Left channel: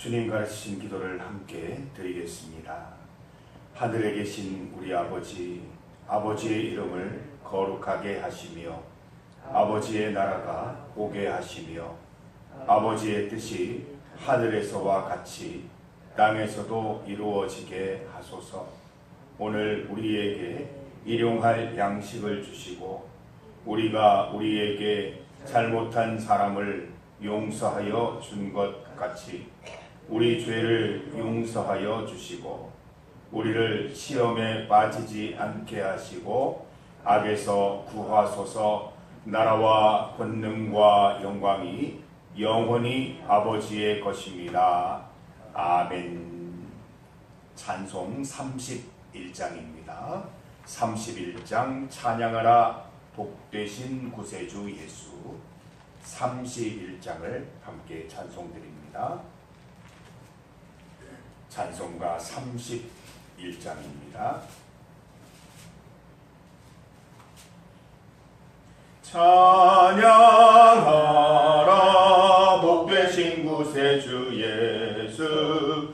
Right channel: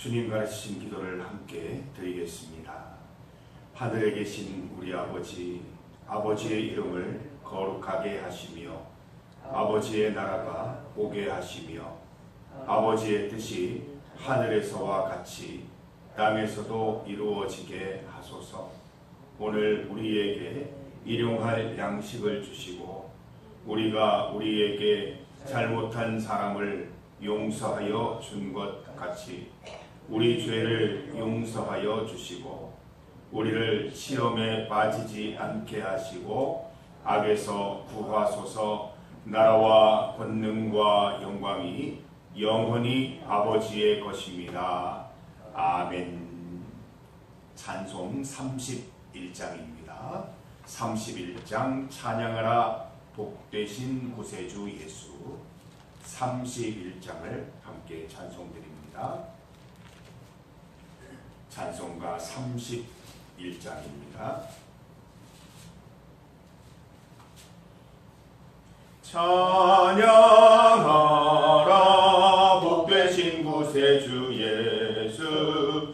주님 가르치신 기도를 함께 드리겠습니다. 하늘에 계신 우리 아버지, 아버지의 이름을 거룩하게 하시며 아버지의 나라가 오게 하시며 아버지의 뜻이 하늘에서와 같이 땅에서도 이루어지게 하소서. 오늘 우리에게 일용할 양식을 주시고 우리가 우리에게 잘못한 사람을 용서하여 준 것 같이 우리 죄를 용서하여 주시고 우리를 시험에 빠지지 않게 하시고 악에서 구하소서. 나라와 권능과 영광이 영원히 아버지의 것입니다. 아멘. 찬송 31장입니다. 31장 찬양하라 복되신 구세주 예수. 31장을 함께 찬송드립니다. 찬송가 31장입니다. 찬양하라 복되신 구세주 예수.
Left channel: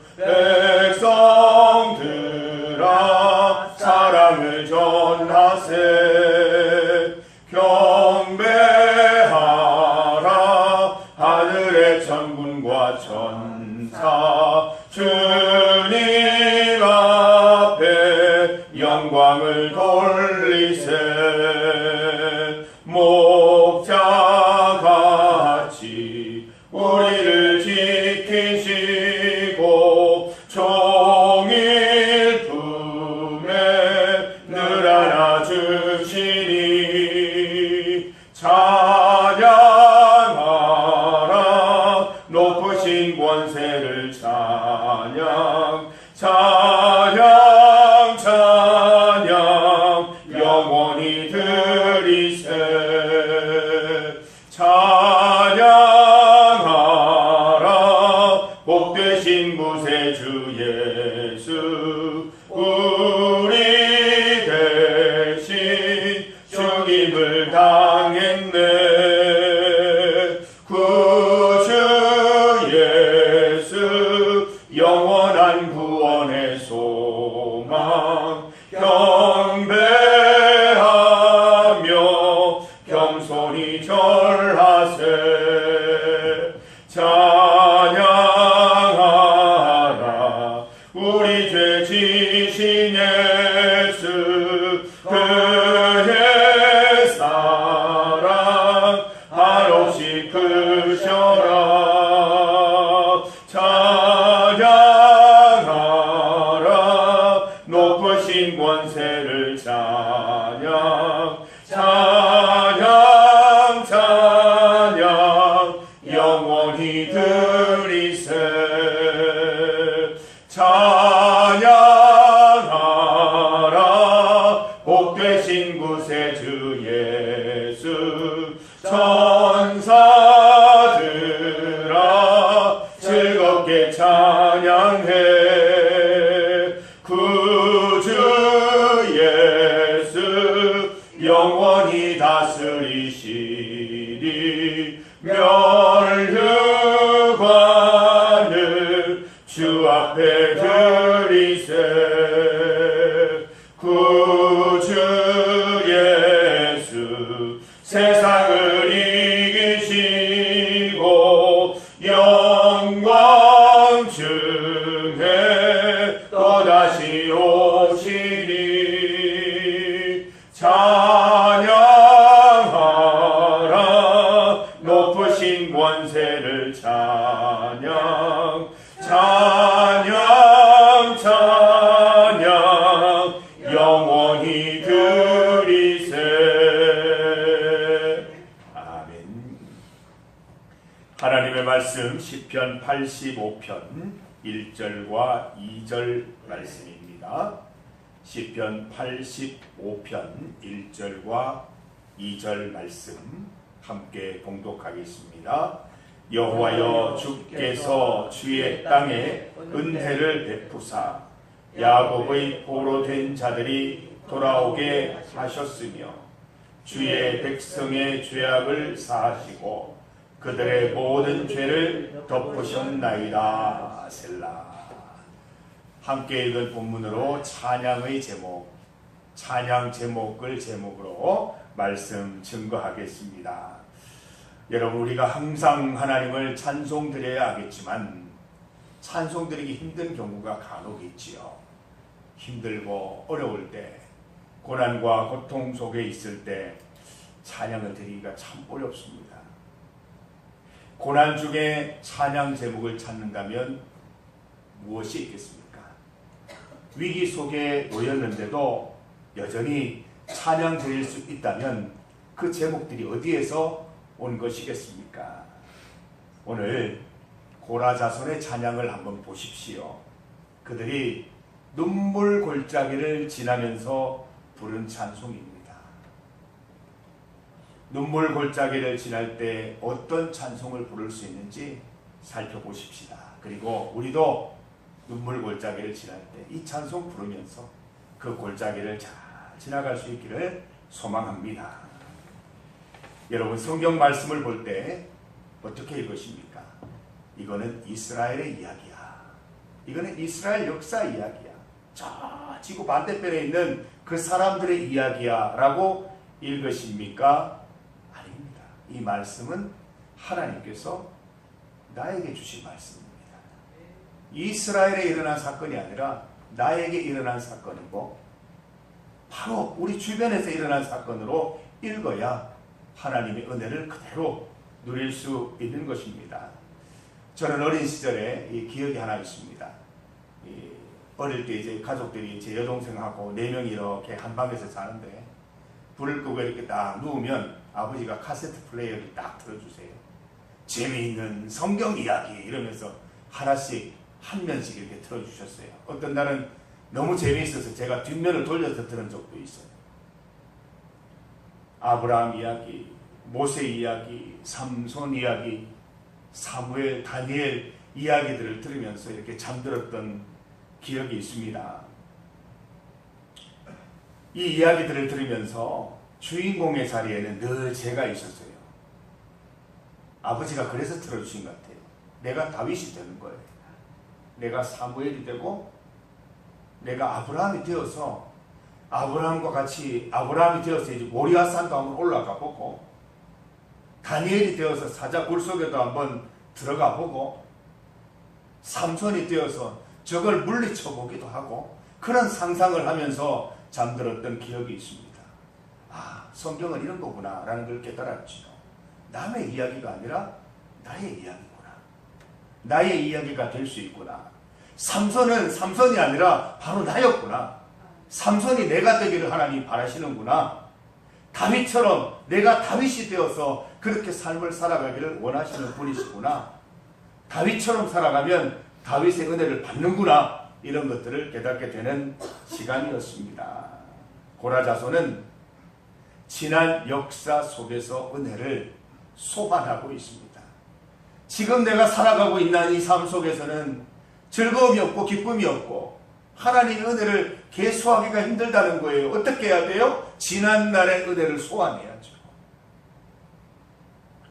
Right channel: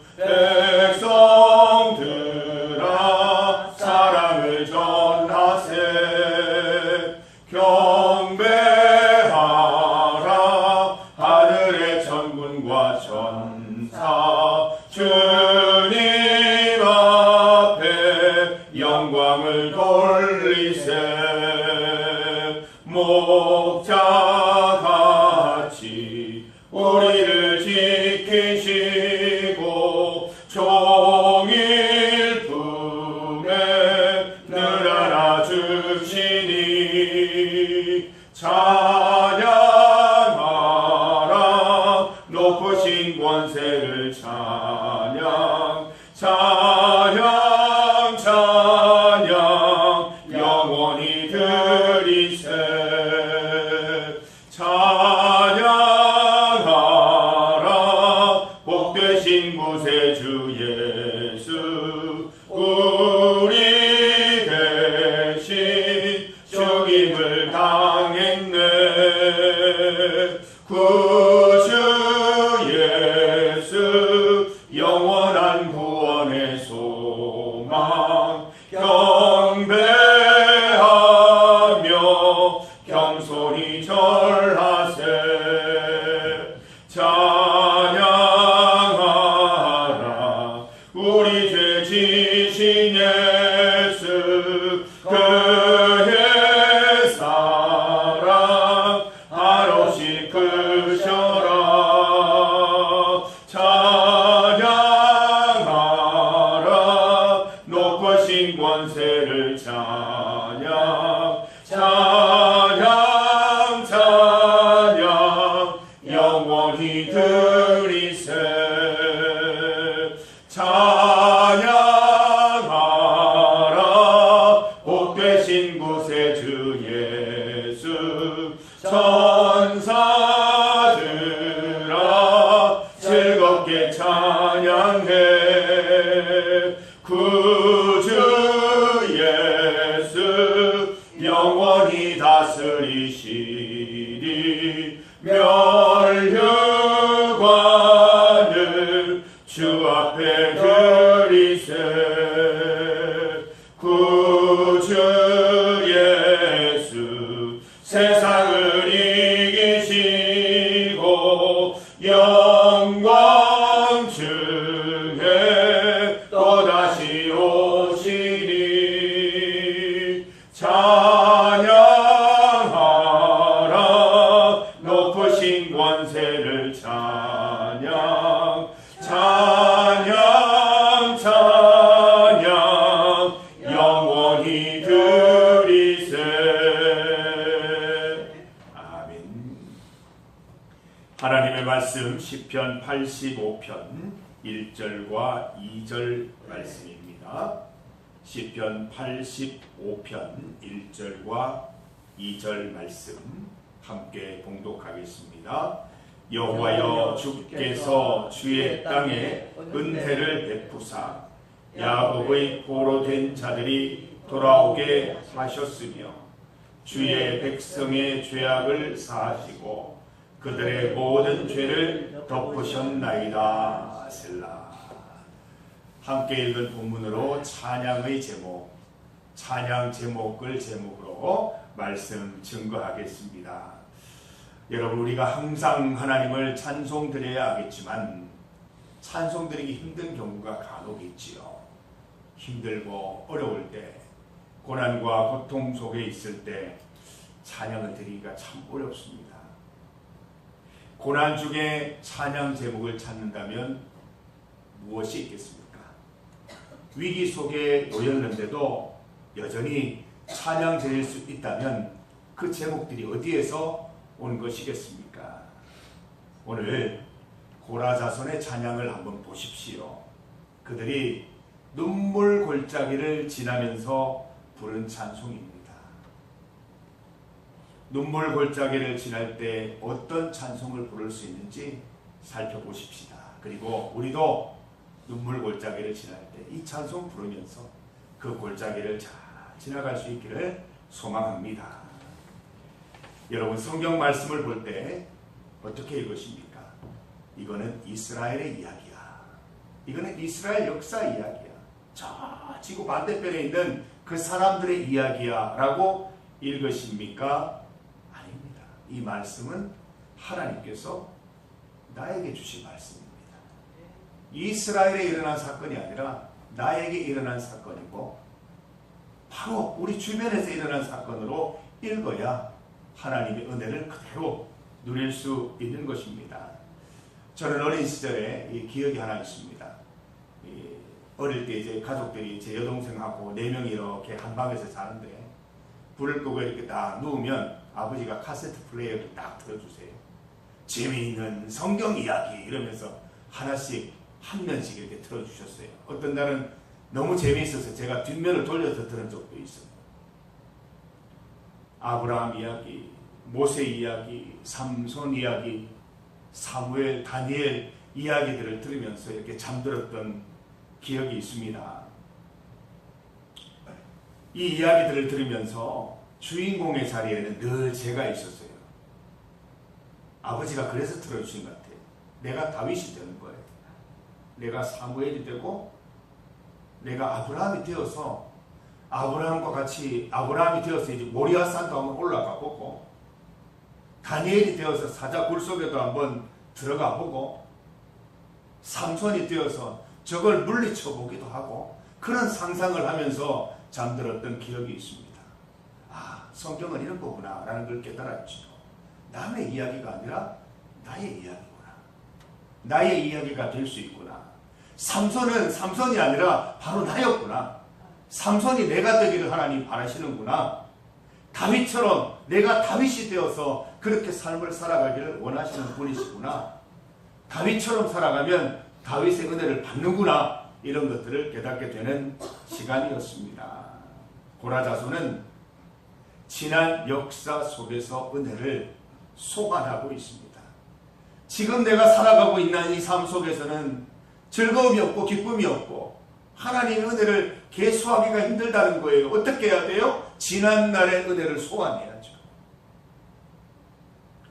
백성들아 사랑을 전하세. 경배하라 하늘의 천군과 천사. 주님 앞에 영광을 돌리세. 목자같이 우리를 지키시고 종일 품에 늘 안아주시니 찬양하라 높으신 권세를 찬양. 찬양 찬양 영원히 드리세. 찬양하라 복되신 구세주 예수. 우리 대신 죽임을 당했네. 구주 예수 영원한 구원의 소망. 경배하며 겸손히 절하세. 찬양하라 우리 죄 지신 예수. 그의 사랑 한없이 크셔라. 찬양하라 높으신 권세를 찬양. 찬양 찬양 영원히 드리세. 찬양하라 복되신 구세주 예수. 천사들아 즐겁게 찬양해. 구주 예수 영원히 다스리시리. 멸류관을 주 앞에 드리세. 구주 예수 세상을 이기시고 영광 중에 또다시 오시리. 찬양하라 높으신 권세를 찬양. 찬양 찬양 영원히 드리세. 아멘. 하나님의 말씀 시편 85편 1절과 2절 말씀입니다. 시편 85편 1절과 2절 말씀 함께 봉독하겠습니다. 여호와여 주께서 주의 땅에 은혜를 베푸사 야곱의 포로된 자들이 돌아오게 하셨으며 주의 백성의 죄악을 사하시고 그들의 모든 죄를 덮으셨나이다. 셀라. 함께 읽은 본문으로 찬양의 제목, 찬양 제목을 제목으로 말씀 증거하겠습니다. 여러분, 우리가 항상 하나님을 찬송드려야 하겠지만 찬송드리기 힘든 경우가 간혹 있지요. 힘들고 어려울 때, 고난과 고통 속에 있을 때 찬양을 드리기가 참 어렵습니다. 고난 중에 찬양 제목을 찾는다면 무엇이 있겠습니까? 위기 속에 놓였는데도 여전히 찬양 드릴 수 있다면 그 제목들이 어디에서 온 것이겠습니까? 오늘 고라 자손의 찬양을 한번 보십시오. 그들이 눈물 골짜기를 지나면서 부른 찬송입니다. 눈물 골짜기를 지날 때 어떤 찬송을 부를 수 있는지 살펴보십시다. 그리고 우리도 눈물 골짜기를 지날 때 이 찬송 부르면서 그 골짜기를 잘 지나갈 수 있기를 소망합니다. 여러분, 성경 말씀을 볼 때 어떻게 읽으십니까? 이거는 이스라엘의 이야기야. 이거는 이스라엘 역사 이야기야. 저 지구 반대편에 있는 그 사람들의 이야기야 라고 읽으십니까? 아닙니다. 이 말씀은 하나님께서 나에게 주신 말씀입니다. 이스라엘에 일어난 사건이 아니라 나에게 일어난 사건이고 바로 우리 주변에서 일어난 사건으로 읽어야 하나님의 은혜를 그대로 누릴 수 있는 것입니다. 저는 어린 시절에 이 기억이 하나 있습니다. 어릴 때 이제 가족들이 제 여동생하고 4명이 이렇게 한 방에서 자는데 불을 끄고 이렇게 딱 누우면 아버지가 카세트 플레이어를 딱 틀어주세요. 재미있는 성경 이야기 이러면서 하나씩 한 면씩 이렇게 틀어주셨어요. 어떤 날은 너무 재미있어서 제가 뒷면을 돌려서 들은 적도 있어요. 아브라함 이야기, 모세 이야기, 삼손 이야기, 사무엘, 다니엘 이야기들을 들으면서 이렇게 잠들었던 기억이 있습니다. 이 이야기들을 들으면서 주인공의 자리에는 늘 제가 있었어요. 아버지가 그래서 틀어주신 것 같아요. 내가 다윗이 되는 거예요. 내가 사무엘이 되고 내가 아브라함이 되어서 아브라함과 같이 아브라함이 되어서 이제 모리아산도 한번 올라가 보고 다니엘이 되어서 사자 굴 속에도 한번 들어가 보고 삼손이 되어서 적을 물리쳐 보기도 하고 그런 상상을 하면서 잠들었던 기억이 있습니다. 아, 성경은 이런 거구나 라는 걸 깨달았죠. 남의 이야기가 아니라 나의 이야기구나. 나의 이야기가 될 수 있구나. 삼손은 삼손이 아니라 바로 나였구나. 삼손이 내가 되기를 하나님 바라시는구나. 다윗처럼 내가 다윗이 되어서 그렇게 삶을 살아가기를 원하시는 분이시구나. 다윗처럼 살아가면 다윗의 은혜를 받는구나. 이런 것들을 깨닫게 되는 시간이었습니다. 고라 자손은 지난 역사 속에서 은혜를 소환하고 있습니다. 지금 내가 살아가고 있는 이 삶 속에서는 즐거움이 없고 기쁨이 없고 하나님의 은혜를 계수하기가 힘들다는 거예요. 어떻게 해야 돼요? 지난날의 은혜를 소환해야죠.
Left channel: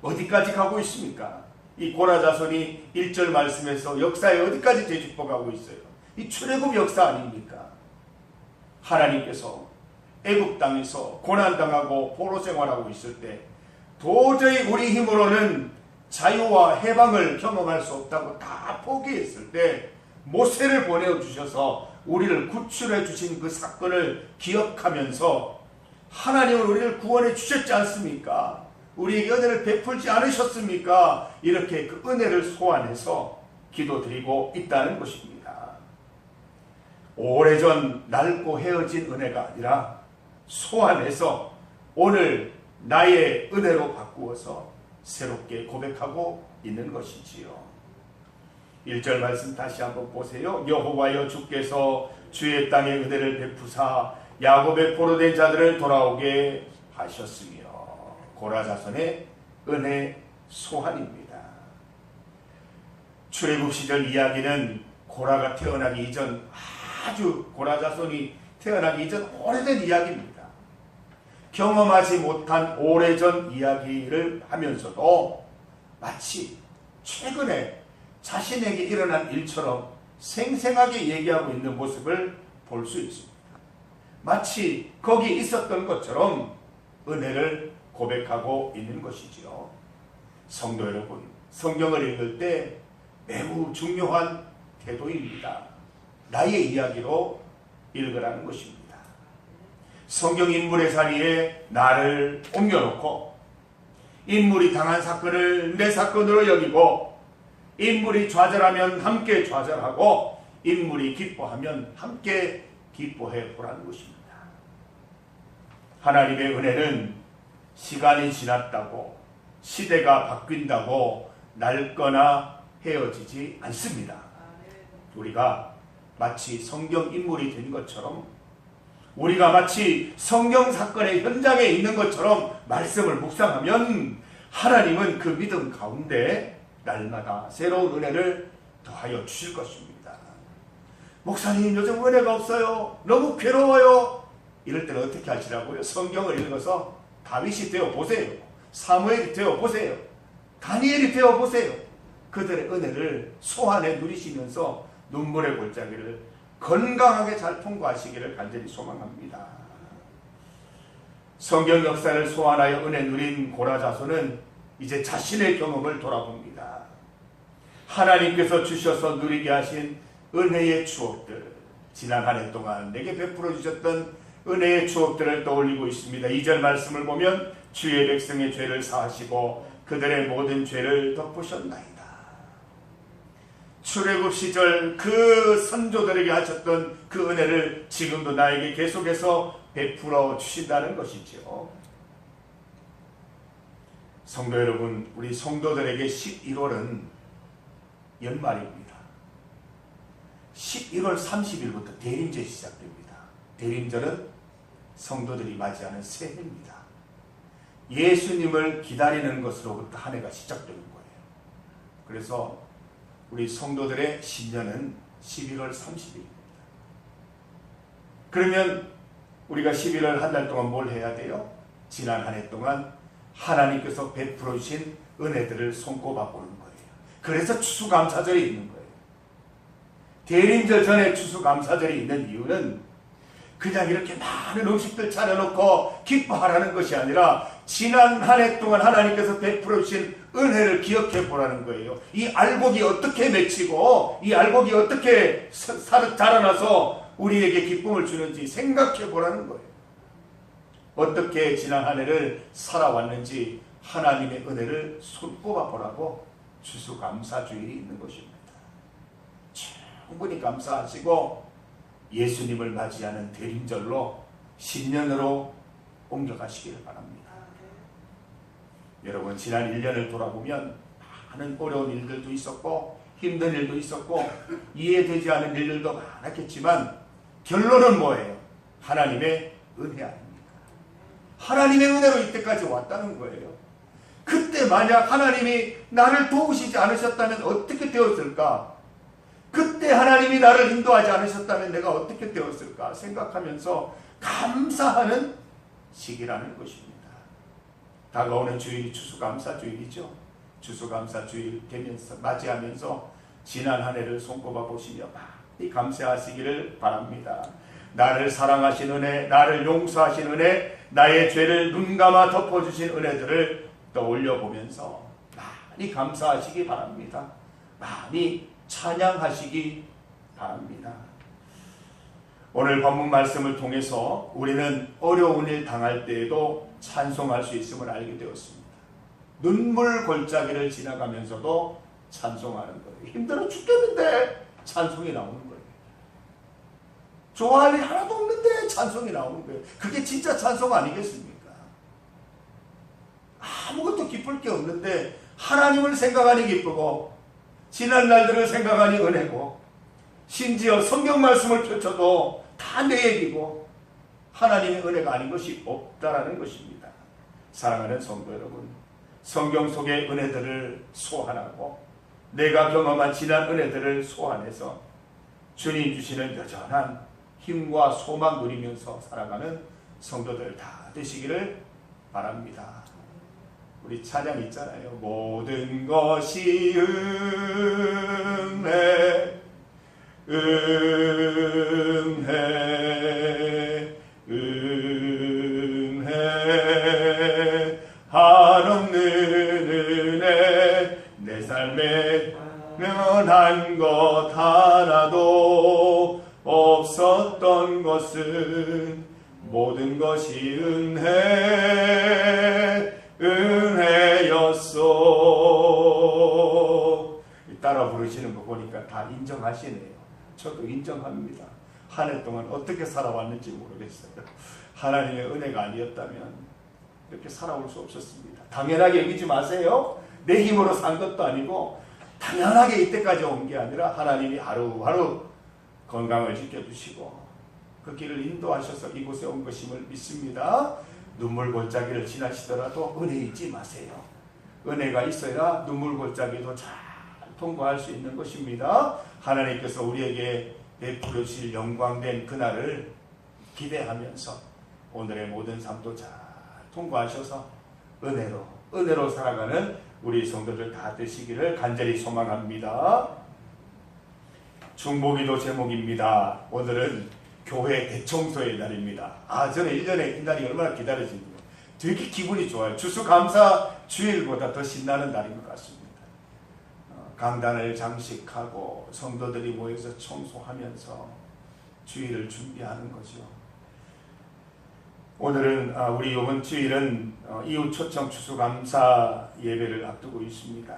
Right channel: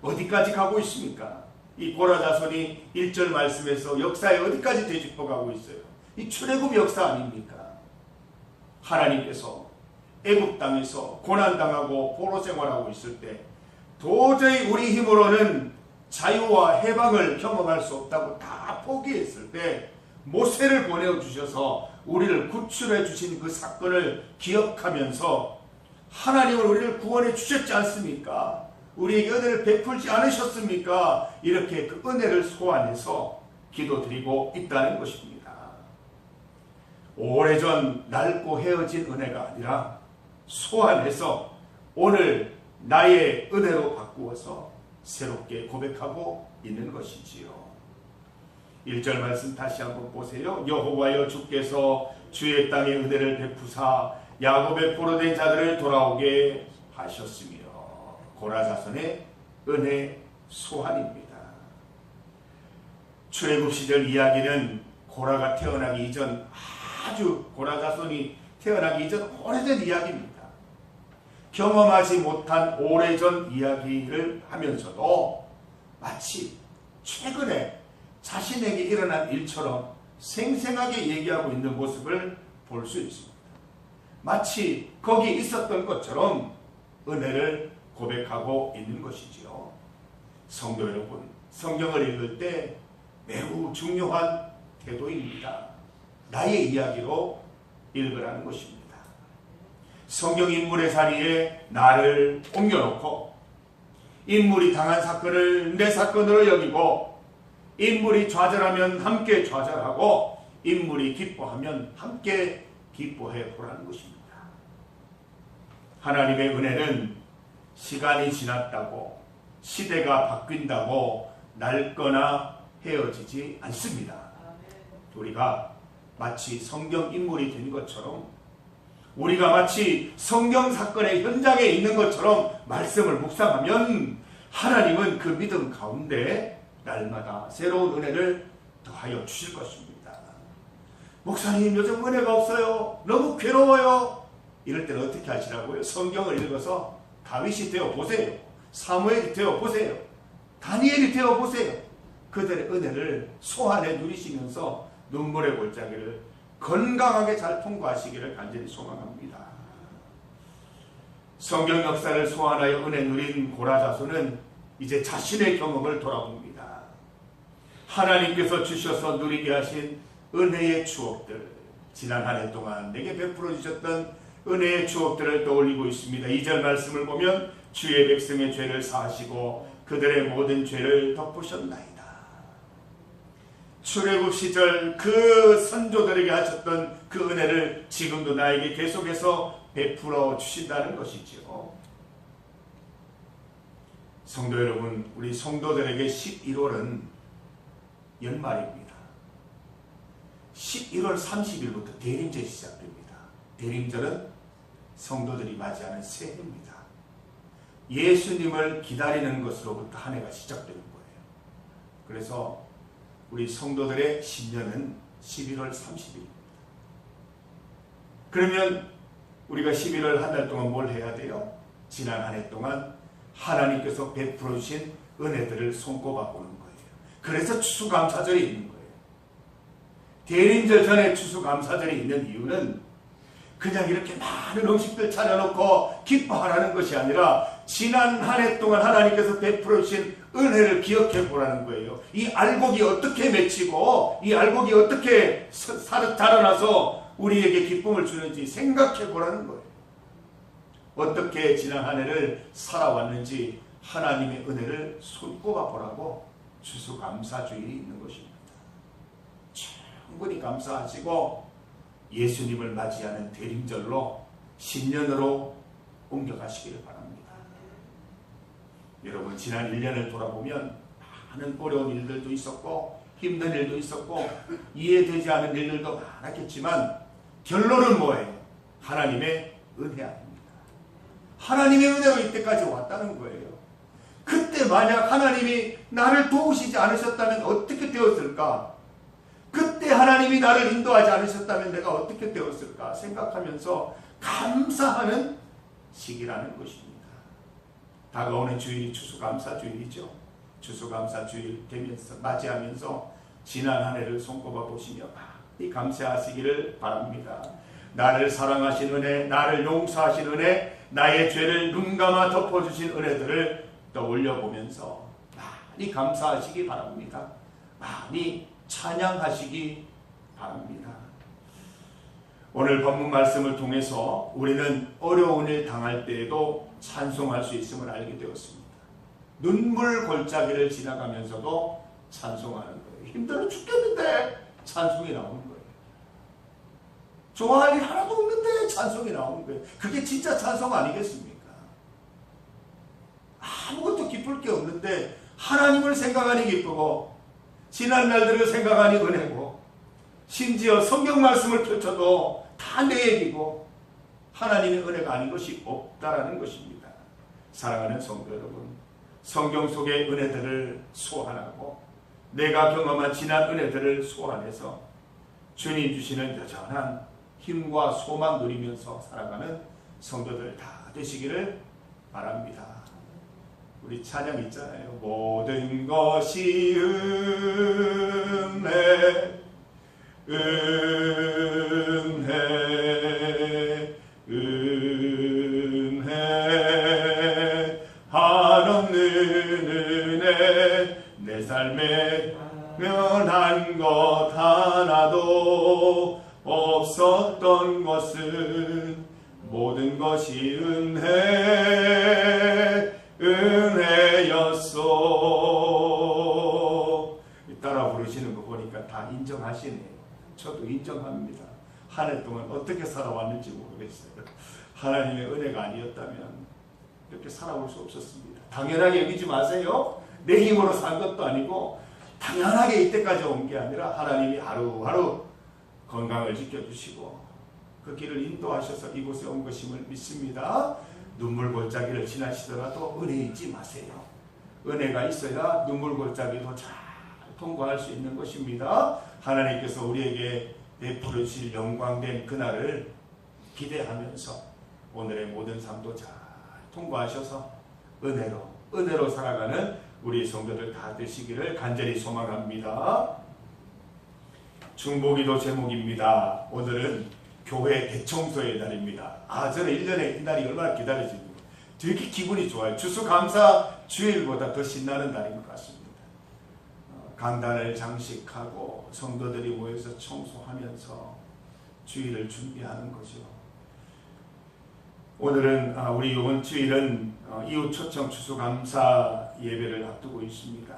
어디까지 가고 있습니까? 이 고라 자손이 1절 말씀에서 역사에 어디까지 되짚어 가고 있어요? 이 출애굽 역사 아닙니까? 하나님께서 애굽 땅에서 고난당하고 포로 생활하고 있을 때 도저히 우리 힘으로는 자유와 해방을 경험할 수 없다고 다 포기했을 때 모세를 보내주셔서 우리를 구출해 주신 그 사건을 기억하면서 하나님은 우리를 구원해 주셨지 않습니까? 우리에게 은혜를 베풀지 않으셨습니까? 이렇게 그 은혜를 소환해서 기도드리고 있다는 것입니다. 오래전 낡고 헤어진 은혜가 아니라 소환해서 오늘 나의 은혜로 바꾸어서 새롭게 고백하고 있는 것이지요. 1절 말씀 다시 한번 보세요. 여호와여 주께서 주의 땅에 은혜를 베푸사 야곱의 포로된 자들을 돌아오게 하셨으며. 고라 자손의 은혜 소환입니다. 출애굽 시절 이야기는 고라가 태어나기 이전 아주 고라 자손이 태어나기 이전 오래된 이야기입니다. 경험하지 못한 오래전 이야기를 하면서도 마치 최근에 자신에게 일어난 일처럼 생생하게 얘기하고 있는 모습을 볼 수 있습니다. 마치 거기 있었던 것처럼 은혜를 고백하고 있는 것이지요. 성도 여러분, 성경을 읽을 때 매우 중요한 태도입니다. 나의 이야기로 읽으라는 것입니다. 성경 인물의 자리에 나를 옮겨놓고 인물이 당한 사건을 내 사건으로 여기고 인물이 좌절하면 함께 좌절하고 인물이 기뻐하면 함께 기뻐해 보라는 것입니다. 하나님의 은혜는 시간이 지났다고 시대가 바뀐다고 낡거나 헤어지지 않습니다. 우리가 마치 성경 인물이 된 것처럼 우리가 마치 성경 사건의 현장에 있는 것처럼 말씀을 묵상하면 하나님은 그 믿음 가운데 날마다 새로운 은혜를 더하여 주실 것입니다. 목사님 요즘 은혜가 없어요. 너무 괴로워요. 이럴 때는 어떻게 하시라고요? 성경을 읽어서 다윗이 되어 보세요. 사무엘이 되어 보세요. 다니엘이 되어 보세요. 그들의 은혜를 소환해 누리시면서 눈물의 골짜기를 건강하게 잘 통과하시기를 간절히 소망합니다. 성경 역사를 소환하여 은혜 누린 고라자손은 이제 자신의 경험을 돌아봅니다. 하나님께서 주셔서 누리게 하신 은혜의 추억들, 지난 한 해 동안 내게 베풀어 주셨던 은혜의 추억들을 떠올리고 있습니다. 2절 말씀을 보면 주의 백성의 죄를 사하시고 그들의 모든 죄를 덮으셨나이다. 출애굽 시절 그 선조들에게 하셨던 그 은혜를 지금도 나에게 계속해서 베풀어 주신다는 것이죠. 성도 여러분, 우리 성도들에게 11월은 연말입니다. 11월 30일부터 대림절이 시작됩니다. 대림절은 성도들이 맞이하는 새해입니다. 예수님을 기다리는 것으로부터 한 해가 시작되는 거예요. 그래서 우리 성도들의 신년은 11월 30일입니다. 그러면 우리가 11월 한 달 동안 뭘 해야 돼요? 지난 한 해 동안 하나님께서 베풀어 주신 은혜들을 손꼽아 보는 거예요. 그래서 추수감사절이 있는 거예요. 대림절 전에 추수감사절이 있는 이유는 그냥 이렇게 많은 음식들 차려놓고 기뻐하라는 것이 아니라 지난 한 해 동안 하나님께서 베풀어 주신 은혜를 기억해 보라는 거예요. 이 알곡이 어떻게 맺히고 이 알곡이 어떻게 자라나서 우리에게 기쁨을 주는지 생각해 보라는 거예요. 어떻게 지난 한 해를 살아왔는지 하나님의 은혜를 손꼽아 보라고 추수감사주일이 있는 것입니다. 충분히 감사하시고 예수님을 맞이하는 대림절로 신년으로 옮겨가시기를 바랍니다. 여러분, 지난 1년을 돌아보면 많은 어려운 일들도 있었고 힘든 일도 있었고 이해되지 않은 일들도 많았겠지만 결론은 뭐예요? 하나님의 은혜 아닙니까? 하나님의 은혜로 이때까지 왔다는 거예요. 그때 만약 하나님이 나를 도우시지 않으셨다면 어떻게 되었을까? 그때 하나님이 나를 인도하지 않으셨다면 내가 어떻게 되었을까 생각하면서 감사하는 시기라는 것입니다. 다가오는 주일이 추수감사주일이죠. 추수감사주일 되면서 맞이하면서 지난 한 해를 손꼽아 보시며 많이 감사하시기를 바랍니다. 나를 사랑하신 은혜, 나를 용서하신 은혜, 나의 죄를 눈감아 덮어주신 은혜들을 떠올려 보면서 많이 감사하시기 바랍니다. 많이 찬양하시기 바랍니다. 오늘 본문 말씀을 통해서 우리는 어려운 일 당할 때에도 찬송할 수 있음을 알게 되었습니다. 눈물 골짜기를 지나가면서도 찬송하는 거예요. 힘들어 죽겠는데 찬송이 나오는 거예요. 좋아할 일 하나도 없는데 찬송이 나오는 거예요. 그게 진짜 찬송 아니겠습니까? 아무것도 기쁠 게 없는데 하나님을 생각하니 기쁘고 지난 날들을 생각하니 은혜고 심지어 성경 말씀을 펼쳐도 다 내 얘기고 하나님의 은혜가 아닌 것이 없다라는 것입니다. 사랑하는 성도 여러분, 성경 속의 은혜들을 소환하고 내가 경험한 지난 은혜들을 소환해서 주님 주시는 여전한 힘과 소망 누리면서 살아가는 성도들 다 되시기를 바랍니다. 우리 찬양 있잖아요. 모든 것이 은혜, 은혜, 은혜, 한없는 은혜, 내 삶에 면한 것 하나도 없었던 것은 모든 것이 은혜였소. 따라 부르시는 거 보니까 다 인정하시네요. 저도 인정합니다. 한 해 동안 어떻게 살아왔는지 모르겠어요. 하나님의 은혜가 아니었다면 이렇게 살아올 수 없었습니다. 당연하게 여기지 마세요. 내 힘으로 산 것도 아니고 당연하게 이때까지 온 게 아니라 하나님이 하루하루 건강을 지켜주시고 그 길을 인도하셔서 이곳에 온 것임을 믿습니다. 눈물 골짜기를 지나시더라도 은혜 잊지 마세요. 은혜가 있어야 눈물 골짜기도 잘 통과할 수 있는 것입니다. 하나님께서 우리에게 베푸실 영광된 그날을 기대하면서 오늘의 모든 삶도 잘 통과하셔서 은혜로 살아가는 우리 성도들 다 되시기를 간절히 소망합니다. 중보기도 제목입니다. 오늘은 교회 대청소의 날입니다. 저는 1년에 이 날이 얼마나 기다려집니다. 되게 기분이 좋아요. 추수감사 주일보다 더 신나는 날인 것 같습니다. 강단을 장식하고 성도들이 모여서 청소하면서 주일을 준비하는 거죠. 오늘은 우리 이번 주일은 이웃 초청 추수감사 예배를 앞두고 있습니다.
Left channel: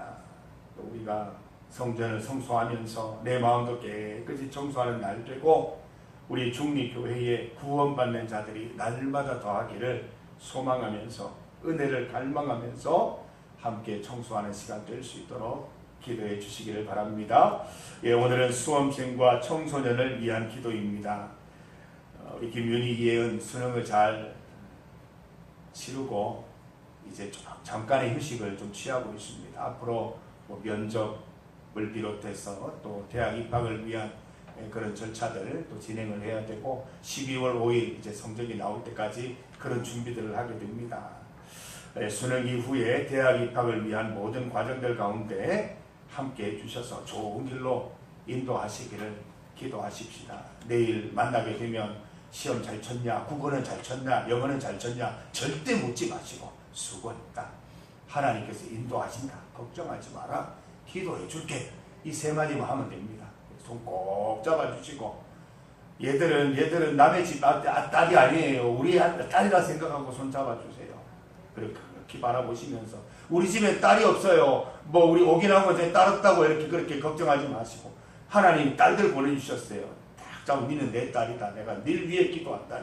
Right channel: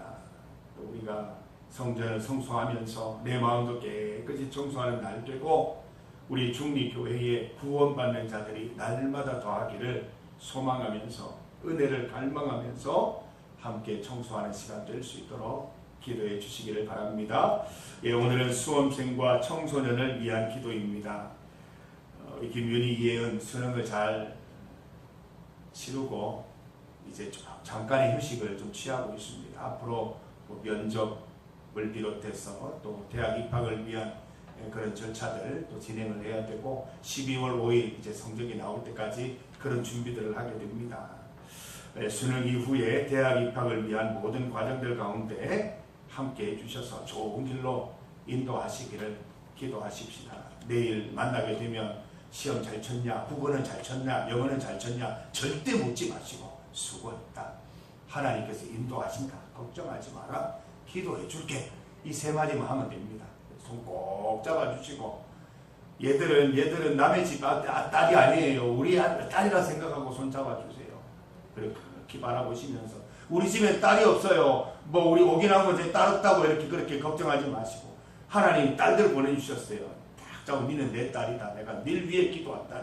또 우리가 성전을 청소하면서 내 마음도 깨끗이 청소하는 날 되고 우리 중리교회에 구원받는 자들이 날마다 더하기를 소망하면서 은혜를 갈망하면서 함께 청소하는 시간 될 수 있도록 기도해 주시기를 바랍니다. 오늘은 수험생과 청소년을 위한 기도입니다. 김윤희 예은 수능을 잘 치르고 이제 잠깐의 휴식을 좀 취하고 있습니다. 앞으로 면접을 비롯해서 또 대학 입학을 위한 그런 절차들 또 진행을 해야 되고 12월 5일 이제 성적이 나올 때까지 그런 준비들을 하게 됩니다. 수능 이후에 대학 입학을 위한 모든 과정들 가운데 함께 해주셔서 좋은 길로 인도하시기를 기도하십시다. 내일 만나게 되면 시험 잘 쳤냐, 국어는 잘 쳤냐, 영어는 잘 쳤냐 절대 묻지 마시고 수고했다. 하나님께서 인도하신다. 걱정하지 마라. 기도해 줄게. 이 세 마디만 하면 됩니다. 손 꼭 잡아주시고 얘들은 남의 집 딸이 아니에요. 우리 딸이라 생각하고 손 잡아주세요. 그렇게 바라보시면서 우리 집에 딸이 없어요. 우리 오긴 하고 딸 없다고 그렇게 걱정하지 마시고 하나님 딸들 보내주셨어요. 딱 잡고 니는 내 딸이다. 내가 늘 위해 기도한다.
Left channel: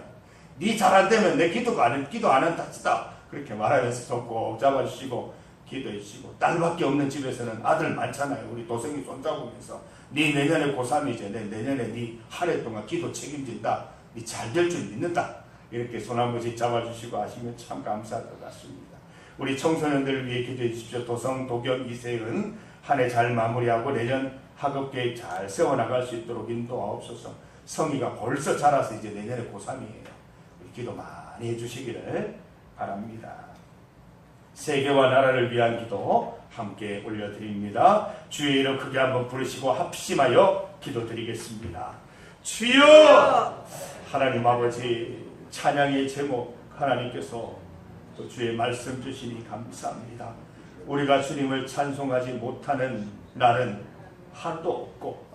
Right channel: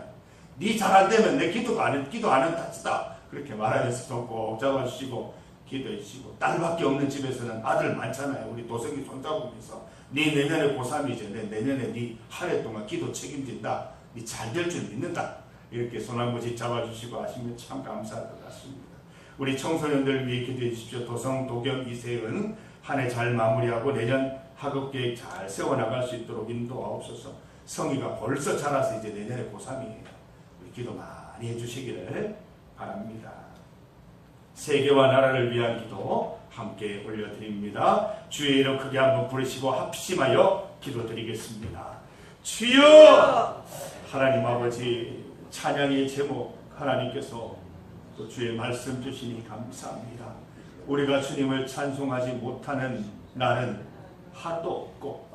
니 잘 안 되면 내 기도 안 한다. 그렇게 말하면서 손 꼭 잡아주시고 기도해 주시고 딸밖에 없는 집에서는 아들 많잖아요. 우리 도성이 손 잡으면서 니 내년에 고3이제 내년에 니 한 해 동안 기도 책임진다. 니 잘 될 줄 믿는다. 이렇게 손 한 번씩 잡아주시고 하시면 참 감사할 것 같습니다. 우리 청소년들을 위해 기도해 주십시오. 도성, 도겸, 이세은 한 해 잘 마무리하고 내년 학업 계획 잘 세워나갈 수 있도록 인도하옵소서. 성희가 벌써 자라서 이제 내년에 고3이에요. 우리 기도 많이 해주시기를 바랍니다. 세계와 나라를 위한 기도 함께 올려드립니다. 주의 이름 크게 한번 부르시고 합심하여 기도드리겠습니다. 주여! 하나님 아버지, 찬양의 제목 하나님께서 또 주의 말씀 주시니 감사합니다. 우리가 주님을 찬송하지 못하는 날은 하루도 없고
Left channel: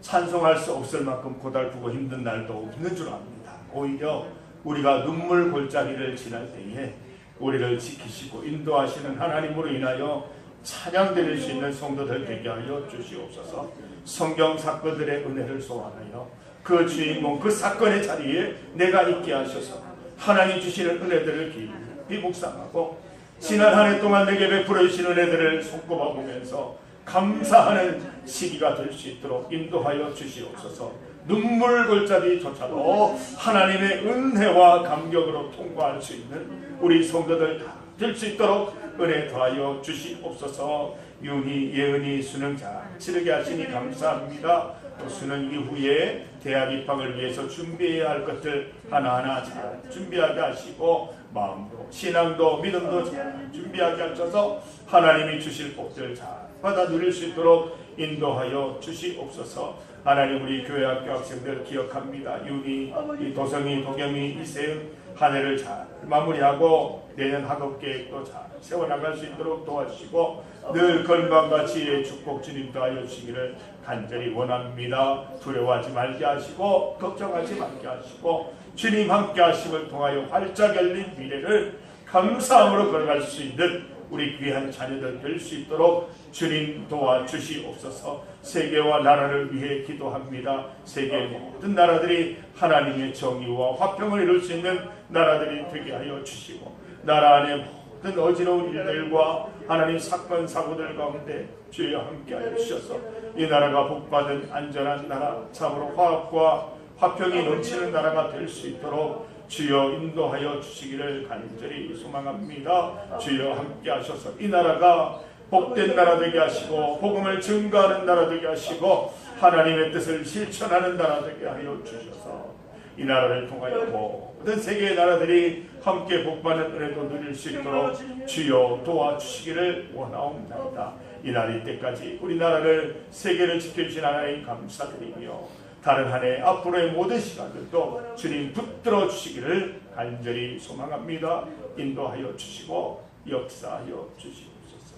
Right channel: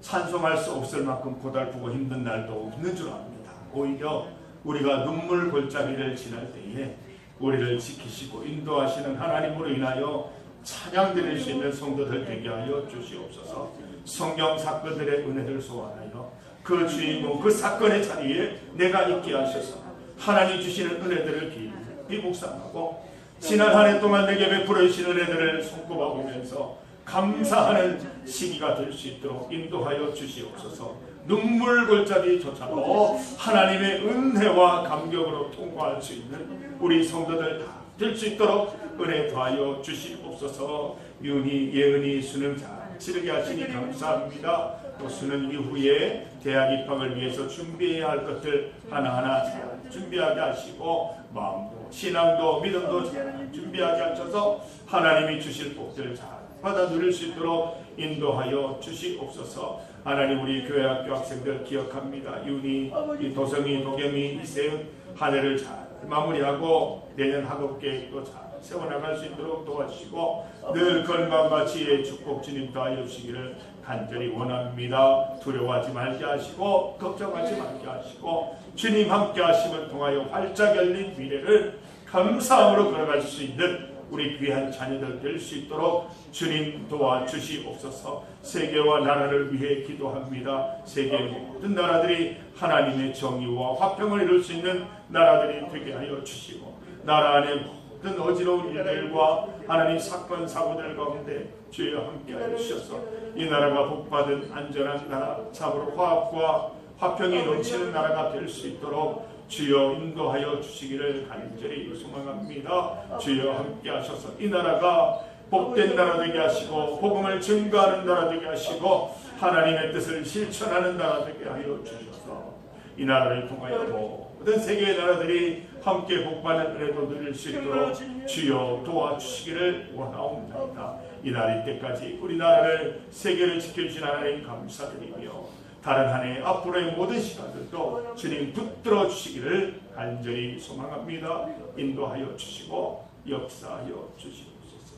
찬송할 수 없을 만큼 고달프고 힘든 날도 없는 줄 압니다. 오히려 우리가 눈물 골짜기를 지날 때에 우리를 지키시고 인도하시는 하나님으로 인하여 찬양 드릴 수 있는 성도들 되게 하여 주시옵소서. 성경 사건들의 은혜를 소환하여 그 주인공 그 사건의 자리에 내가 있게 하셔서 하나님 주시는 은혜들을 깊이 묵상하고 지난 한 해 동안 내게 베풀어 주신 은혜들을 손꼽아 보면서 감사하는 시기가 될 수 있도록 인도하여 주시옵소서. 눈물 골짜기조차도 하나님의 은혜와 감격으로 통과할 수 있는 우리 성도들 다 될 수 있도록 은혜 더하여 주시옵소서. 윤희, 예은이, 수능자 치르게 하시니 감사합니다. 또 수능 이후에 대학 입학을 위해서 준비해야 할 것들 하나하나 잘 준비하게 하시고 마음도 신앙도 믿음도 잘 준비하게 하셔서 하나님이 주실 복들 잘 받아 누릴 수 있도록 인도하여 주시옵소서. 하나님, 우리 교회학교 학생들 기억합니다. 윤희, 이 도성이, 도겸이, 이세은 한 해를 잘 마무리하고 내년 학업 계획도 잘 세워나갈 수 있도록 도와주시고 늘 건강과 지혜의 축복 주님 더하여 주시기를 간절히 원합니다. 두려워하지 말게 하시고 걱정하지 말게 하시고 주님 함께 하심을 통하여 활짝 열린 미래를 감사함으로 걸어갈 수 있는 우리 귀한 자녀들 될 수 있도록 주님 도와주시옵소서. 세계와 나라를 위해 기도합니다. 세계 모든 나라들이 하나님의 정의와 화평을 이룰 수 있는 나라들이 되게 하여 주시고 나라 안에 모든 어지러운 일들과 하나님 사건 사고들 가운데 주여 함께하여 주셔서 이 나라가 복받은 안전한 나라, 참으로 화합과 화평이 넘치는 나라가 될 수 있도록 주여 인도하여 주시기를 간절히 소망합니다. 주여 함께 하셔서 이 나라가 복된 나라 되게 하시고 복음을 증거하는 나라 되게 하시고 하나님의 뜻을 실천하는 나라 되게 하여 주셔서 이 나라를 통하여 모든 세계의 나라들이 함께 복받는 은혜도 누릴 수 있도록 주여 도와주시기를 원하옵나이다. 이날 이때까지 우리나라를 세계를 지켜주신 하나님 감사드리며 다른 한 해 앞으로의 모든 시간들도 주님 붙들어 주시기를 간절히 소망합니다. 인도하여 주시고 역사하여 주시옵소서.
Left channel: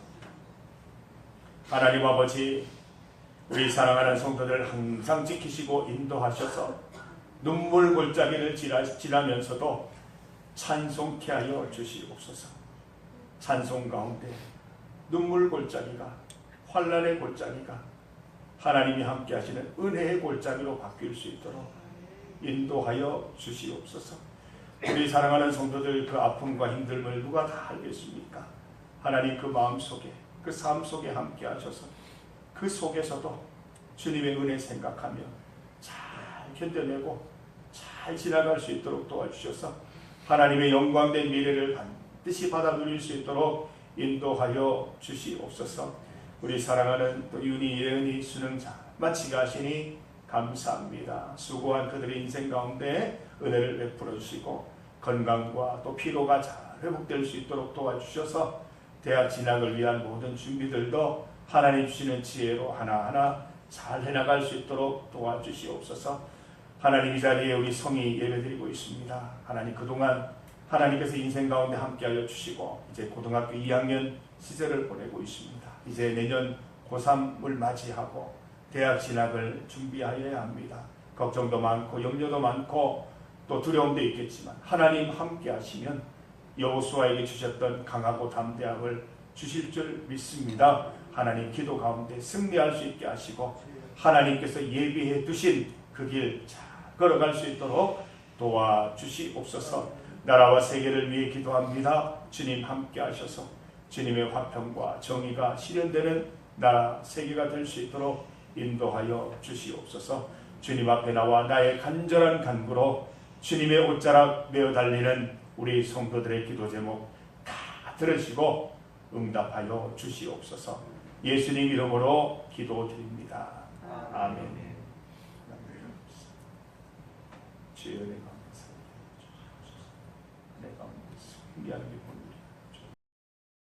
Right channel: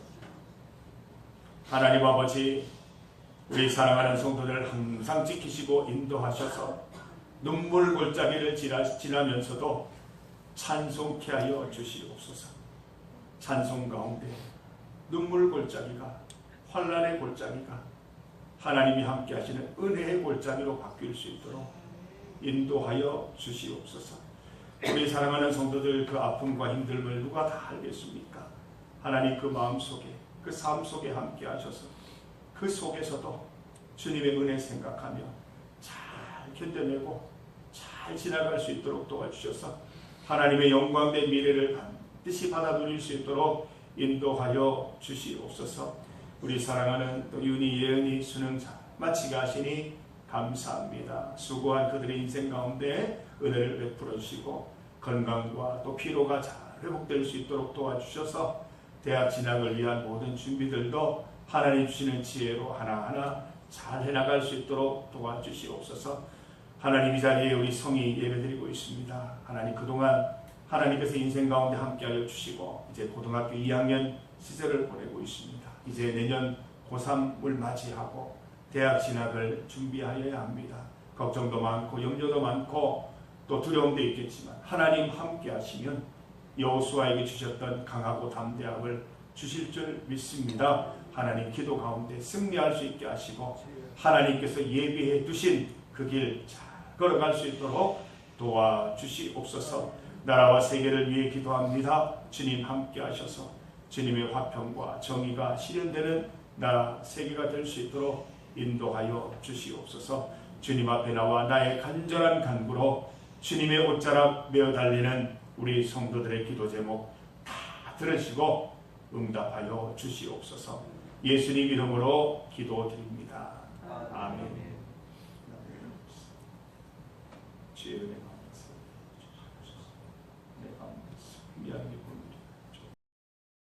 하나님 아버지, 우리 사랑하는 성도들 항상 지키시고 인도하셔서 눈물 골짜기를 지나면서도 찬송케 하여 주시옵소서. 찬송 가운데 눈물 골짜기가 환난의 골짜기가 하나님이 함께 하시는 은혜의 골짜기로 바뀔 수 있도록 인도하여 주시옵소서. 우리 사랑하는 성도들 그 아픔과 힘듦을 누가 다 알겠습니까? 하나님 그 마음속에 그 삶 속에 함께 하셔서 그 속에서도 주님의 은혜 생각하며 잘 견뎌내고 잘 지나갈 수 있도록 도와주셔서 하나님의 영광된 미래를 반드시 받아 누릴 수 있도록 인도하여 주시옵소서. 우리 사랑하는 또 윤희, 예은이 수능 잘 마치게 하시니 감사합니다. 수고한 그들의 인생 가운데 은혜를 베풀어 주시고 건강과 또 피로가 잘 회복될 수 있도록 도와주셔서 대학 진학을 위한 모든 준비들도 하나님 주시는 지혜로 하나하나 잘 해나갈 수 있도록 도와주시옵소서. 하나님, 이 자리에 우리 성이 예배드리고 있습니다. 하나님, 그동안 하나님께서 인생 가운데 함께하여 주시고 이제 고등학교 2학년 시절을 보내고 있습니다. 이제 내년 고3을 맞이하고 대학 진학을 준비하여야 합니다. 걱정도 많고 염려도 많고 또 두려움도 있겠지만 하나님 함께 하시면 여호수아에게 주셨던 강하고 담대함을 주실 줄 믿습니다. 하나님 기도 가운데 승리할 수 있게 하시고 하나님께서 예비해 두신 그 길 잘 걸어갈 수 있도록 도와주시옵소서. 나라와 세계를 위해 기도합니다. 주님 함께 하셔서 주님의 화평과 정의가 실현되는 나라 세계가 될 수 있도록 인도하여 주시옵소서. 주님 앞에 나와 나의 간절한 간구로 주님의 옷자락 메어 달리는 우리 성도들의 기도 제목 다 들으시고 응답하여 주시옵소서. 예수님 이름으로 기도드립니다. 아멘. 주의 은혜가 내 가운데 승리하는